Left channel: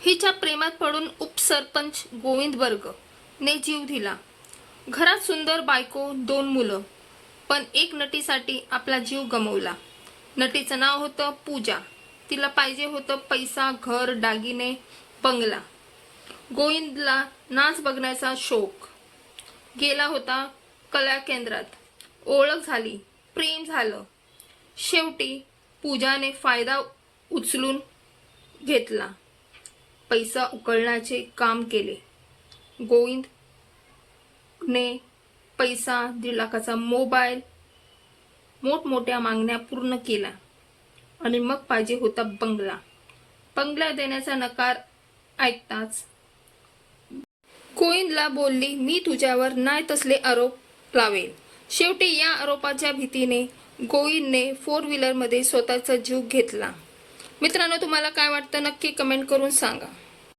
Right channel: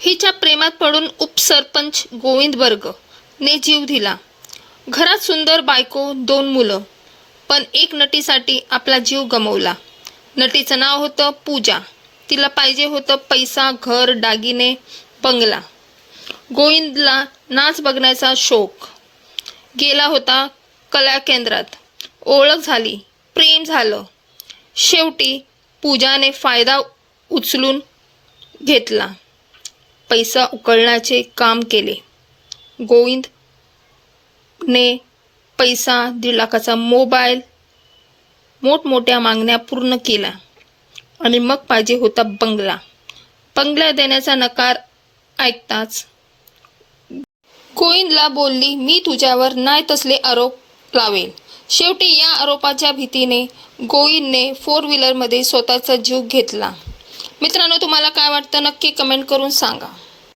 हिच्या प्रेमात पडून उपसरपंच गोविंद वर्ग ने जीव दिला. घरात सुंदर बायको दोन मुलं पण एक नटीसाठी आपला जीव गमवला. नटीचं नाव होतं पूजा. तिला पाहिजे होतं पैसा घर दागिने बंगला. गोविंदला नाच बघण्याचा शौक. गेला होता कला केंद्रात. ओळख झाली प्रेम झालं. शेवटी पूजाने फायदा उचलून घेतला. पैसा उकळण्याचे काम केले. गोविंदने पैसा दीड लाखाचा मोबाईल मोठमोठ्या मागण्या पूर्ण केल्या आणि मग पाहिजे होता बंगला. बंगला देण्याचा नकार ऐकताच गोविंदला बोलली मी तुझ्यावर नाही तसले आरोप लावेल शेवटी या आरोपाच्या भीतीने गोविंदने फोर व्हीलरमध्ये स्वतःचा जीव घेतला. मित्रांनो तुम्हाला काय वाटतं नक्की कमेंट करून सांगा.